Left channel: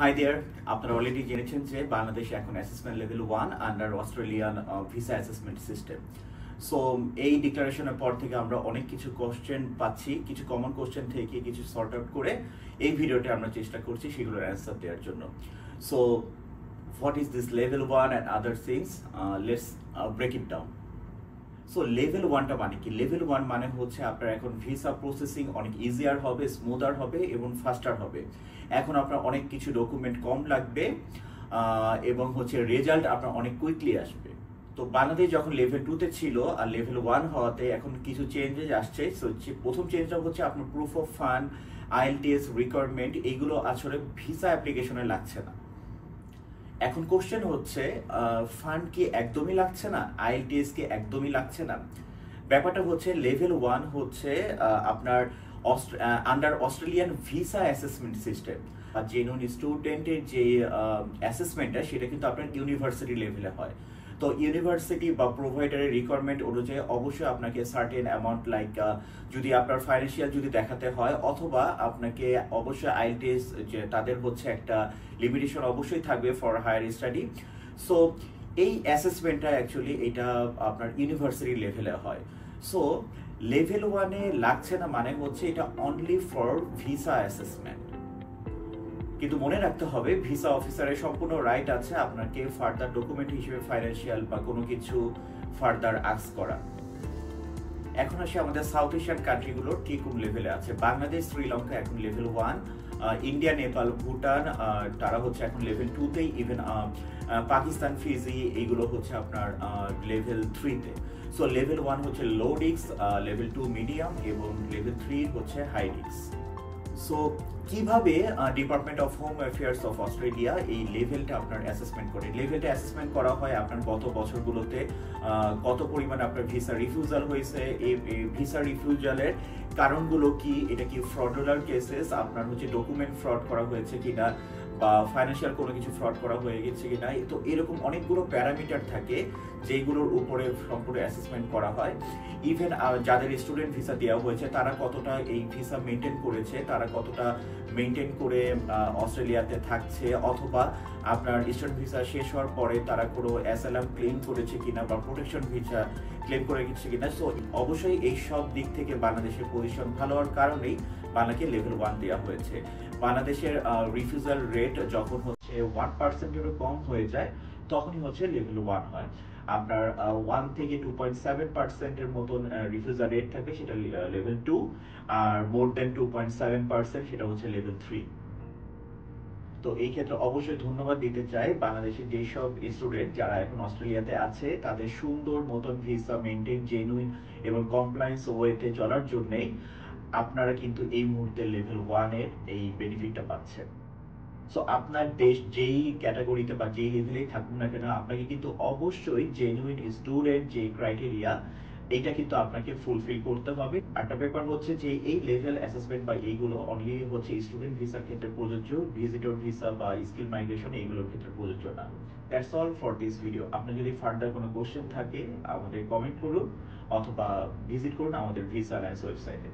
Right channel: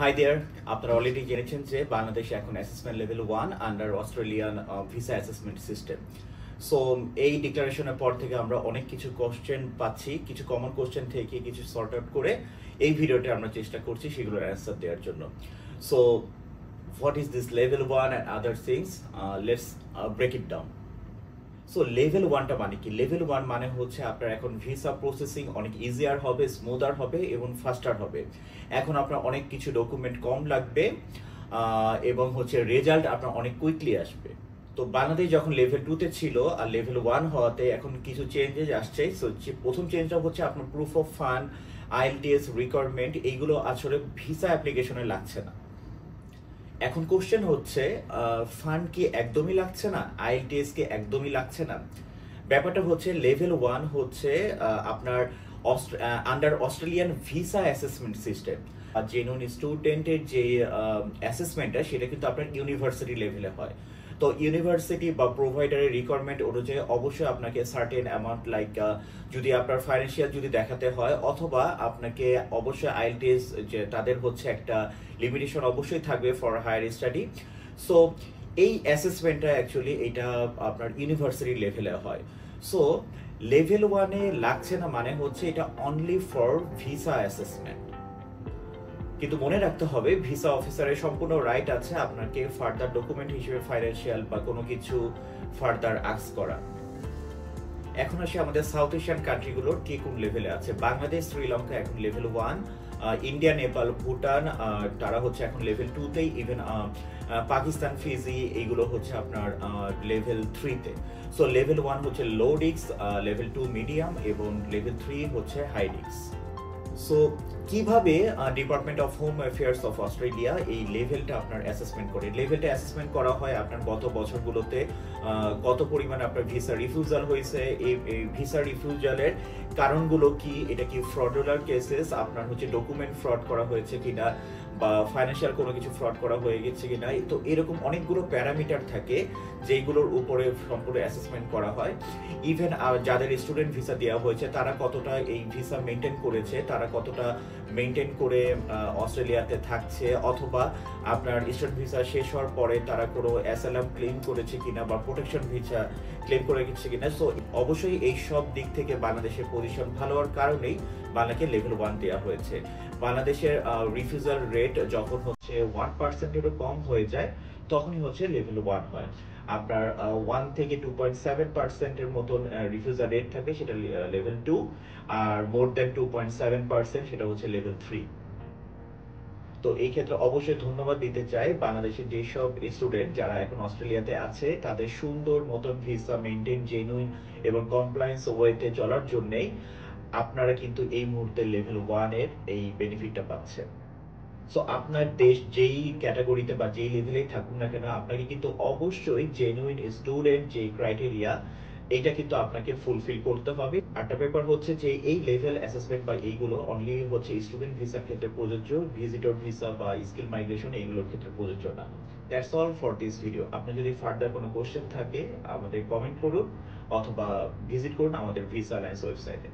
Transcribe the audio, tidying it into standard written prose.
Hi there, আপনারা already জেনেছেন যে বাংলাদেশে এখন assessment level 1 under Australian visa assessment system. So এই ডিক্লারেশনের পর থেকে আমরা অনেক কিছু কোশ্চেন পাচ্ছি, কিছু কমন কোশ্চেন থেকে কিছু সর্ট আউট করে এই ভিডিওতে আমরা চেষ্টা করছি সেগুলোর অ্যান্সার দেওয়ার জন্য। So what is this level 1 and other things, let's break it down. So level 1টা মানে কি? লেভেল 1 মানে হচ্ছে আপনার এখন ভিসা প্রসেসিং অনেক ইজিয়ার হবে, স্মুদার হবে এবং ফাস্টার হবে। এখন আপনার অনেক কিছু ডকুমেন্ট কম লাগবে এবং হচ্ছে রেজাল্ট আপনার অনেক কুইকলি আসবে। তো বাংলাদেশ যখন লেভেল 2তে ছিল আর লেভেল 1 হওয়াতে এখন কিছু চেঞ্জেস আসছে। সো প্রথম চেঞ্জটা হচ্ছে আপনার proof of fund, IELTS requirement এইগুলো আসলে ভিসা অ্যাপ্লিকেশনে লাগছে না। এখন কোশ্চেন হচ্ছে ফান্ড কি একদমই লাগছে না, আইএলটিএস কি একদমই লাগছে না? ব্যাপারটা হচ্ছে লেভেল 1 হচ্ছে আপনার under Australian visa assessment system. আর জেনুইন স্টুডেন্টের যে অ্যাসেসমেন্টটা সেটা কিন্তু আপনার ইউনিভার্সিটি লেভেলে হয়। তো ইউনিভার্সিটি বা প্রোভাইডারের রিকোয়ারমেন্ট অনুযায়ী অবশ্যই আপনাকে সার্টেন অ্যামাউন্ট লাইক যদি আপনার ফাইন্যান্সিয়াল যদি দেখাতে হয়, অথবা আপনাকে অবশ্যই আইএলটিএস যে তাদের হচ্ছে একটা লিমিটেশন অবশ্যই থাকবে ফর হায়ার স্টাডি। সো এই অ্যাসেসমেন্টটা অ্যাকচুয়ালি এটা আপনার ইউনিভার্সিটি লেভেলে হয়। সো লেভেল 1-এ লাগছে না মানে হচ্ছে এটা অনলি ফর ভিসা অ্যাসেসমেন্ট। কিন্তু মনে রাখতে হবে ভিসা অফিসারের সম্পূর্ণ রাইট আছে আপনাকে ফার্দার ডকুমেন্ট হিসেবে ফাইন্যান্সিয়াল বা কোনো কিছু ফার্দার আস্ক করা। এখন আসি আমাদের সাউথ এশিয়ান কান্ট্রিগুলোর কি কোন লেভেলে আছে। বাংলাদেশ, শ্রীলঙ্কা এখন লেভেল 1, ইন্ডিয়া, নেপাল, ভুটান তারা হচ্ছে এখন লেভেল 2তেই, ইভেন পাকিস্তান, ফিজি এইগুলো হচ্ছে আপনার লেভেল 3তে। সো লেভেল 1 হচ্ছে লো রিস্ক, লেভেল 2 মিডিয়াম এবং লেভেল 3 হচ্ছে হাই রিস্ক। সো কিভাবে department of home affairs of Australia এই লেভেলটা আপনার অ্যাসেসমেন্ট করে? লেভেলটা অ্যাসেসমেন্ট করা হয় আপনার গত বছরগুলোতে কত পরিমাণ আপনার ভিসা রিফিউজাল হয়েছে, এই ভিসা রিফিউজালের কারণগুলো কি, এটা কি ফ্রডুলার কেসেস, আপনার হচ্ছে ডকুমেন্ট ফ্রড করা হয়েছে কিনা, বা ফাইন্যান্সিয়াল কোনো কিছু ফ্রড করা হয়ে গেছে কিনা। তো এরকম অনেকগুলো প্যারামিটার থাকে যেগুলোর উপরে সম্পূর্ণ অ্যাসেসমেন্ট করা হয়। ইভেন যাদের স্টুডেন্ট ভিসা দেওয়া হয়েছে তারা কতটা এই ভিসা মেনটেন করেছে, তারা কতটা মেনটেন করে অস্ট্রেলিয়াতে থাকছে, অথবা আপনার স্টুডেন্ট ভিসা শেষ হওয়ার পরে তারা কোনো অ্যাসাইলাম ক্লেম করেছে কিনা বা প্রোটেকশন ভিসা ক্লেম করে গেছে কিনা। সো অবশ্যই এই সব দিক থেকে বাংলাদেশের পজিশন ভালো হওয়ার কারণেই বাংলাকে লেভেল 1 দেওয়া হয়েছে। বাংলাদেশের রিফিউজাল রেট যখন হচ্ছে 1%-এরও কম হয়ে যায় তখনই হচ্ছে লেভেল 1 হয়। আপনার 1 থেকে 2.7%-এর মতন রিফিউজাল রেট থাকে, সেটা লেভেল 2, আর মোর দেন 2.7% সেটা হচ্ছে লেভেল 3। তো এই ক্ষেত্রে অবশ্যই ধন্যবাদ দিতে চাই বাংলাদেশের যেসব স্টুডেন্ট যারা এখন অস্ট্রেলিয়াতে আছে, তাদের সুন্দর মতন ভিসা মেনটেন, জেনুইন এবং কমপ্লায়েন্স ওয়েতে চলার জন্যই আপনারা কিন্তু এই মুহূর্তে লেভেল 1 এর এই বেনিফিটটা পাচ্ছেন। সো আপনার দেশ যেই ক্যাটাগরিতে বা যেই লেভেলেই থাকুন না কেন, আপনাকে কিন্তু অবশ্যই জেনুইন স্টুডেন্ট যে ক্রাইটেরিয়া এটা কিন্তু আপনাকে ফুলফিল করতে হবে। একটা ব্যাপার হচ্ছে যে এই লেভেল অ্যাসেসমেন্ট বা এইগুলো অনলি হচ্ছে স্টুডেন্ট ভিসার ক্ষেত্রে প্রযোজ্য, ভিজিটর ভিসা বা স্কিল মাইগ্রেশন এইগুলোর ক্ষেত্রে প্রযোজ্য না। That's all for this video. আপনার যদি ফার্দার কোনো কোশ্চেন থাকে আমাদের কমেন্ট করুন অথবা ভিজিট করুন আমাদের ভিসা অ্যালায়েন্স ওয়েবসাইটে।